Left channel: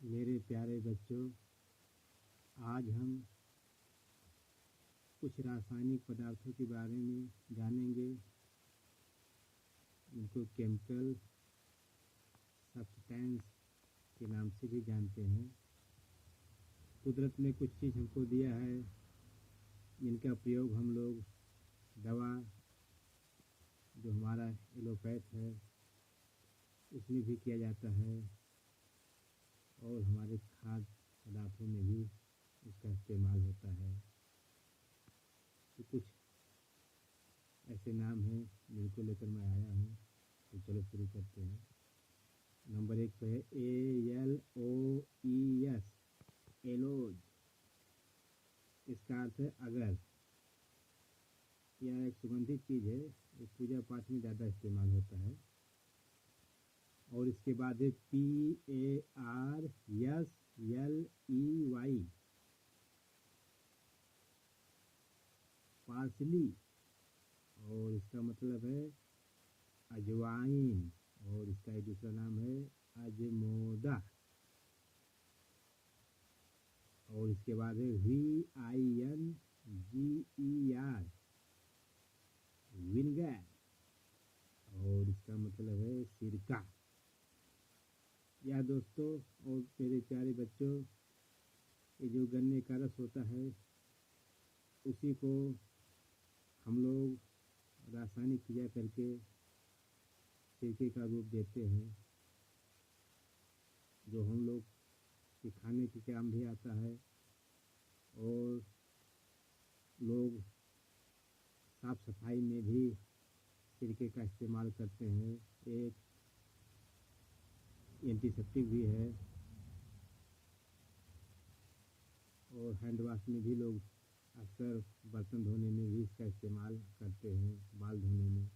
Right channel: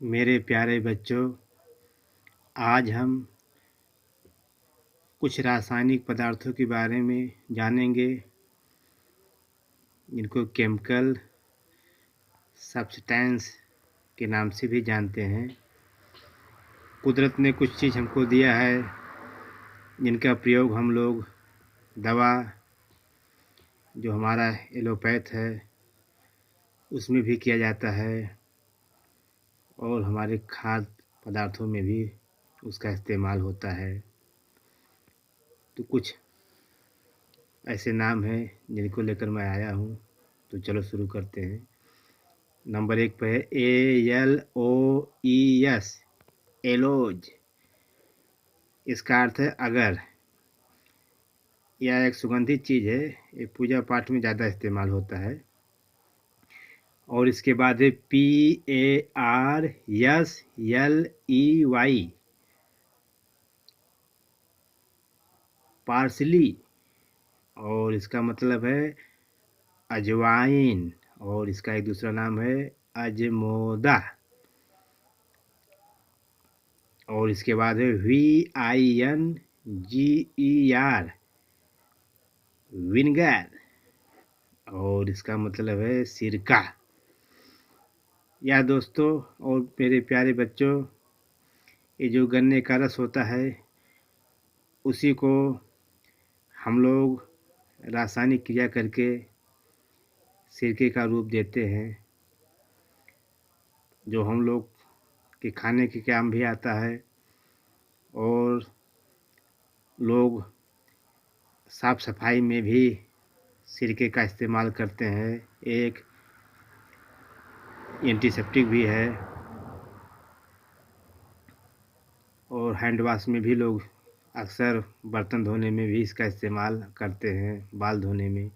मेरे प्यारे बच्चों, आज हम कुछ रासायनिक पदार्थों के बारे में जानेंगे, जिनको केमिकल सब्सटेंस के नाम से भी जानते हैं। कुदरत ने कुछ चीज़ हमको दिया है, जिनका प्रयोग हम लोग दवा, जो हमारा एलोपैथ है, उसमें भी किया जाता है और हमारे खाद्य पदार्थों में भी उसका इस्तेमाल होता है। तो कुछ ऐसे नाम हैं जिनको लेकर मैं आया हूँ, तो चलो शुरू करते हैं। नंबर 1 पे है ALOES, एलोज। इसका अर्थ है अगर। यह एक सुगंधित चीज़ है, ये पूजा पाठ में ज़्यादा इस्तेमाल होता है। और इसके बाद है PARSLEY, पार्सली। और इसका मतलब है अजवाइन, और इसका एक दूसरा नाम है अजमोदा। और इसके बाद है VINGER, विनेगर। और इसका मतलब है सिरका। या दोस्तों और मेरे प्यारे बच्चों, ये जो गन्ने का रस होता है, उसी को हम लोग रासायनिक क्रिया करके सिरके का रूप देते हैं, जो हम लोग के खाने के काम भी आता है। और लोग साफ सफाई में भी सिरके का इस्तेमाल करते हैं। एक एंटीसेप्टिक भी है, और हैंड वॉश में भी लोग अक्सर बर्तन धोने में भी इसका इस्तेमाल करते हैं, बाल धोने में।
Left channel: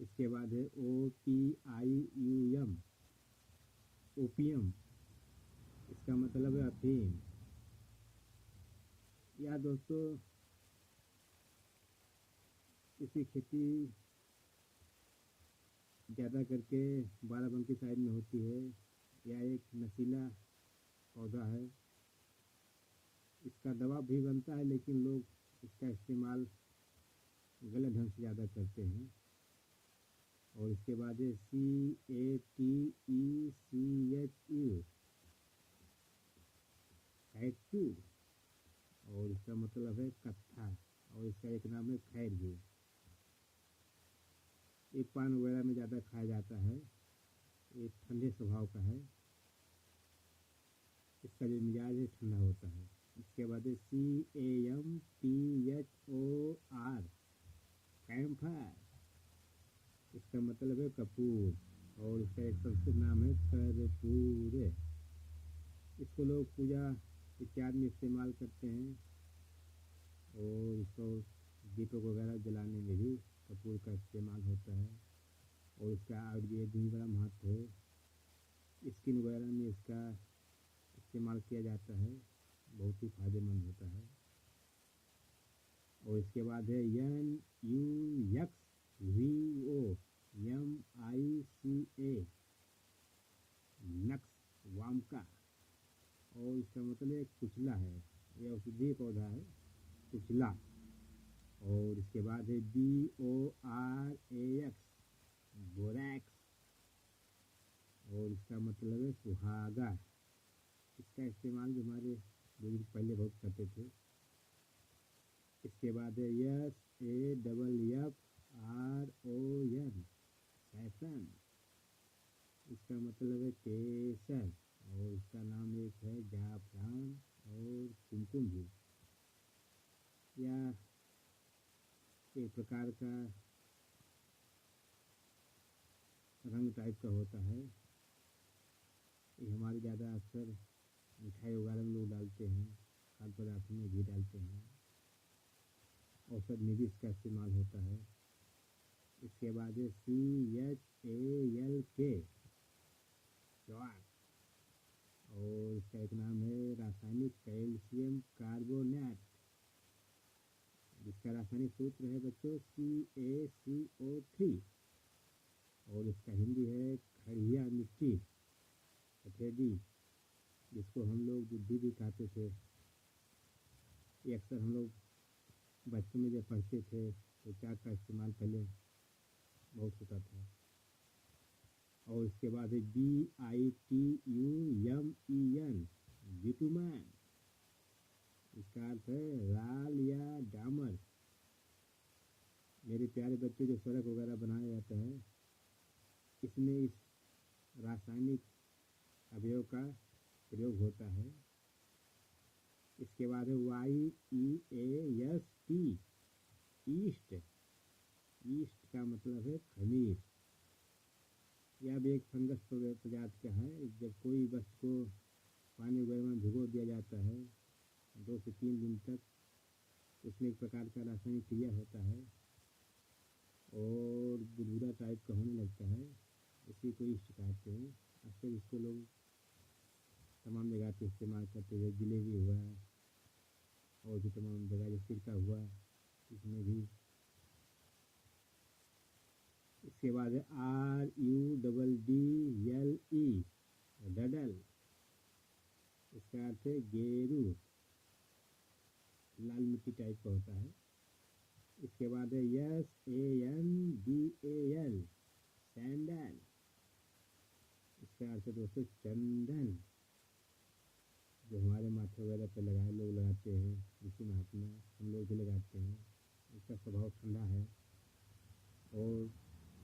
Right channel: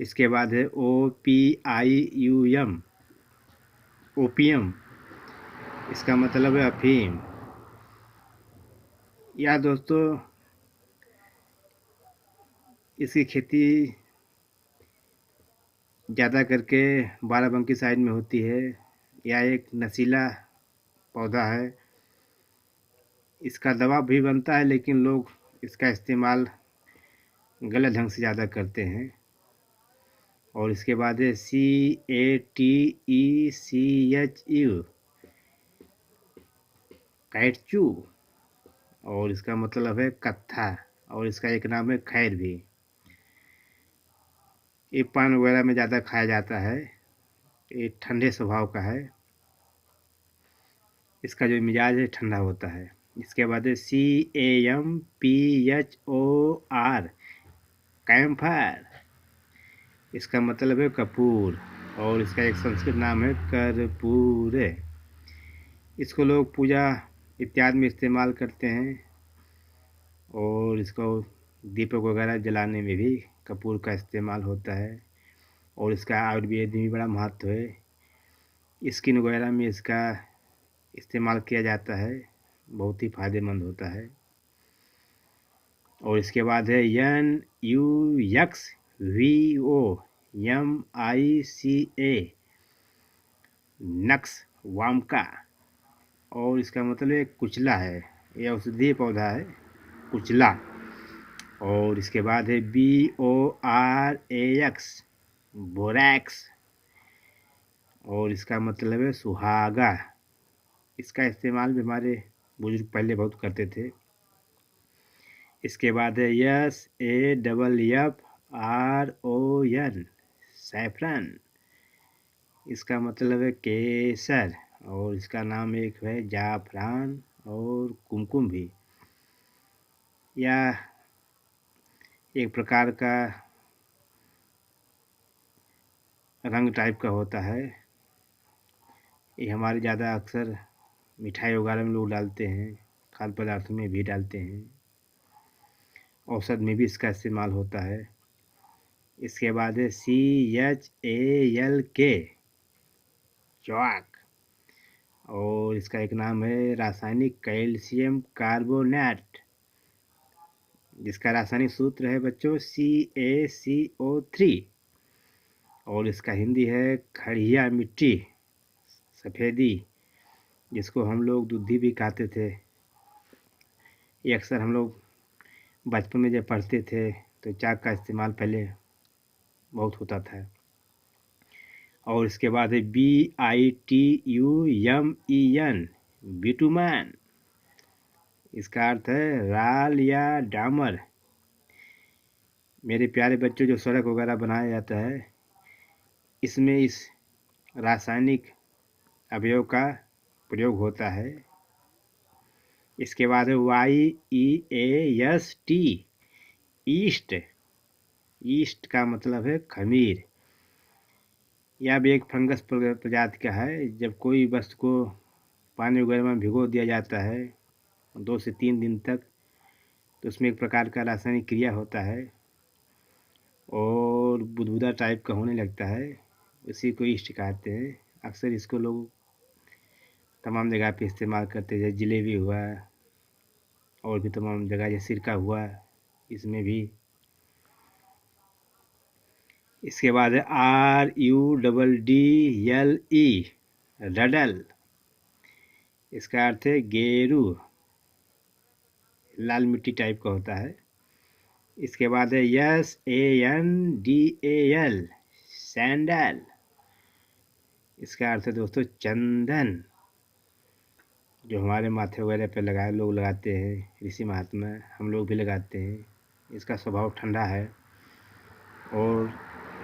इसके बाद है OPIUM, ओपियम। इसका मतलब है अफीम। या दोस्तों, इसकी खेती ज़्यादा करके बाराबंकी साइड में होती है। यह एक नशीला पौधा है। इसका दवा भी बनता है, लेकिन लोग इसका इस्तेमाल गलत ढंग से ज़्यादा करते हैं। और इसके बाद है CATECHU, कैटचू। और इसका मतलब है कत्था। और इसका एक नाम है खैर भी। ये पान वगैरह में ज़्यादा खाया जाता है। ये ठंडे स्वभाव का है। इसका जो मिजाज है ठंडा होता है। इसके बाद है CAMPHOR, कैम्फर। इसका मतलब है कपूर। और इसका एक संस्कृत नाम है कर्पूर। इसको लोग पूजा इत्यादि में इस्तेमाल करते हैं। और इसको दीपक वगैरह जलाने में भी कपूर का इस्तेमाल होता है। और इसका आयुर्वेद में भी बड़ा महत्व है। स्किन वगैरह में इसका इस्तेमाल किया जाता है, बहुत ही फायदेमंद होता है। और इसके बाद है NUXVOMICA, नक्स वामका। और इसका मतलब है कुचला है। यह औषधीय पौधा है, कुचला। और इसके बाद है BORAX, बोरैक्स। और इसका मतलब है सुहागा। इसका इस्तेमाल भी हमारे बुजुर्ग पहले बहुत करते थे। इसके बाद है SAFFRON, सैफरन। इसका मतलब है केसर। और इसका नाम एक है जाफरान और कुमकुम भी। यह एक प्रकार का रंग टाइप का होता है। ये हमारे ज़्यादा अक्सर मिठाई वगैरह में लोग डालते हैं, खाद्य पदार्थों में भी डालते हैं। औषध में भी इसका इस्तेमाल होता है। इसके बाद है CHALK, चॉक। और इसका एक नाम है रासायनिक कैल्शियम कार्बोनेट, जिसका रासायनिक सूत्र है बच्चों CaCO3। और इसका हिंदी है खड़िया मिट्टी, सफ़ेदी। जिसको हम लोग दूधी भी कहते थे। ये अक्सर हम लोग बचपन में जब पढ़ते थे तो चाक का इस्तेमाल पहले बहुत होता था। और इसके बाद है BITUMEN, बिटुमैन। इसका अर्थ है राल या डामर। मेरे प्यारे बच्चों, जो सड़क वगैरह बनाया जाता है, इसमें इस रासायनिक अवयव का प्रयोग होता है। इसके बाद है YEAST, ईस्ट। ईस्ट का मतलब है खमीर। यह भी एक फंगस प्रजाति का है। जब कोई वस्तु को पानी वगैरह में भिगो दिया जाता है 2 से 3 दिन तक, तो उसमें एक प्रकार का रासायनिक क्रिया होता है और बुदबुदा टाइप का होने लगता है। उसी को ईस्ट कहते हैं। अक्सर इसको लोग तमाम जगह पे इस्तेमाल करते हैं, जैसे जलेबी हुआ और भी तमाम जगह, जैसे सिरका हुआ, इसमें भी। इसके बाद है RUDDLE, रडल। इसका अर्थ है गेरू, लाल मिट्टी टाइप का होता है। इसके बाद है SANDAL, सैंडल। इसका अर्थ है दोस्तों चंदन, जो हमारे माथे वगैरह पे लोग लगाते हैं। ऋषि महात्मा, हम लोग भी लगाते हैं। इसका स्वभाव ठंडा है और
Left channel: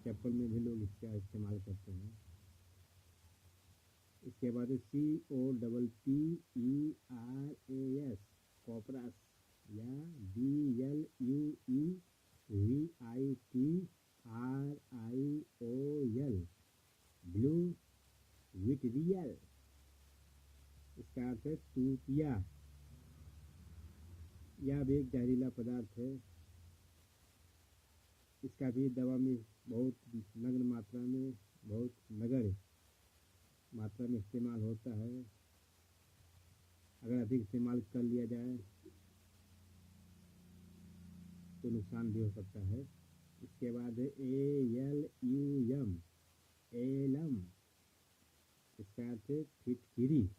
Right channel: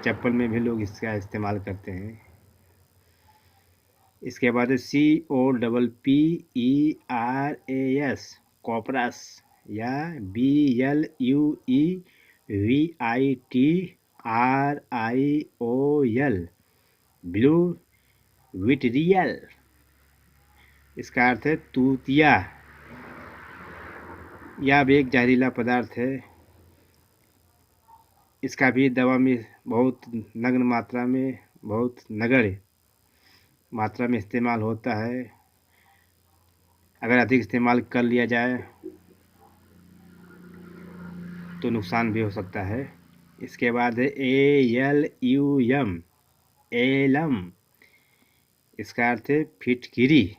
चप्पल में भी लोग इसका इस्तेमाल करते हैं। इसके बाद है COPPERAS, कॉपरस, या BLUEVITRIOL, ब्लू विट्रियल। इसका अर्थ है तूतिया। यह भी एक जहरीला पदार्थ है। इसका भी दवा में बहुत नगण्य मात्रा में, बहुत नगण्य मात्रा में इस्तेमाल होता है। अगर अधिक इस्तेमाल कर लिया जाए तो नुकसान भी हो सकता है। इसके बाद है ALUM, एलम। इसका अर्थ है फिटकिरी।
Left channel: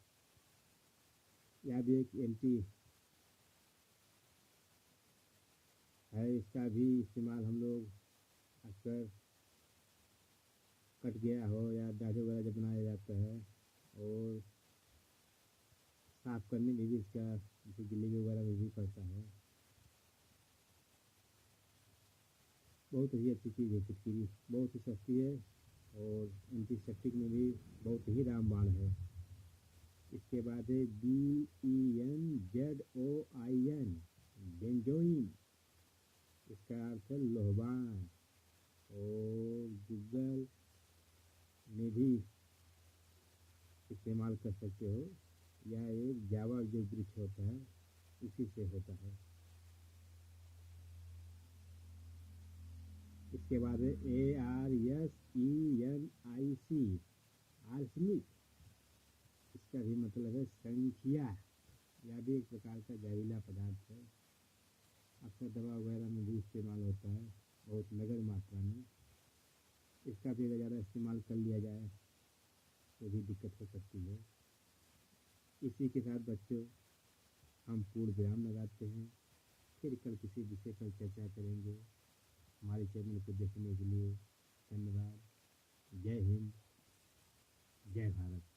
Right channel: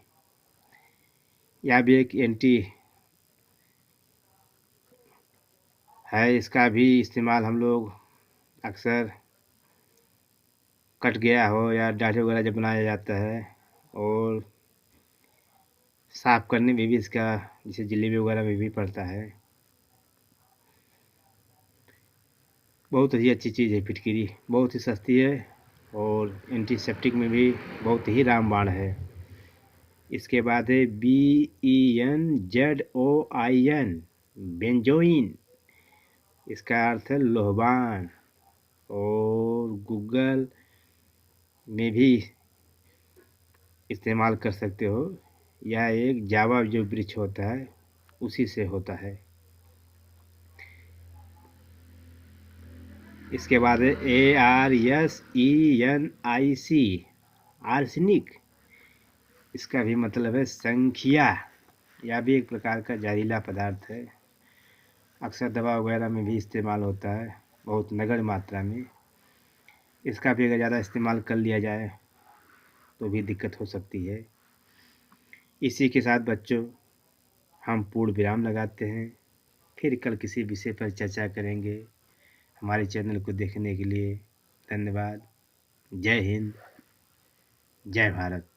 यह भी एक एंटी है। इसका भी इस्तेमाल हम लोग अक्सर कट गया हो या दाढ़ी वगैरह जब बनाया जाता है, और साफ करने में भी इसका, जैसे जलेबी वगैरह में भी पड़ता है। बहुत ही अच्छी चीज़ है फिटकिरी, बहुत ही सस्ती है और एंटीसेप्टिक में भी बहुत ही रामबाण है। इसके बाद है BENZOIN, बेंजोइन। इसका अर्थ है लोहबान, और गूगल में भी इस्तेमाल कर सकते हो। यह एक जावा जो वृक्ष होता है उसी से होता है। इसके बाद है ARSENIC, आर्सेनिक। इसका भी मतलब है संखिया। यह भी एक प्रकार का जहरीला पदार्थ है। अक्सर दवा वगैरह में भी इस्तेमाल होता है, बहुत नगण्य मात्रा में। इसका भी अगर ज़्यादा इस्तेमाल कर लिया जाए तो भी दिक्कत हो सकती है। इसी के साथ बच्चों, हम पूर्ण विराम लगाते हैं। फिर कल किसी विषय पर चर्चा करेंगे। हमारे चैनल को देखने के लिए धन्यवाद। जय हिंद, जय भारत।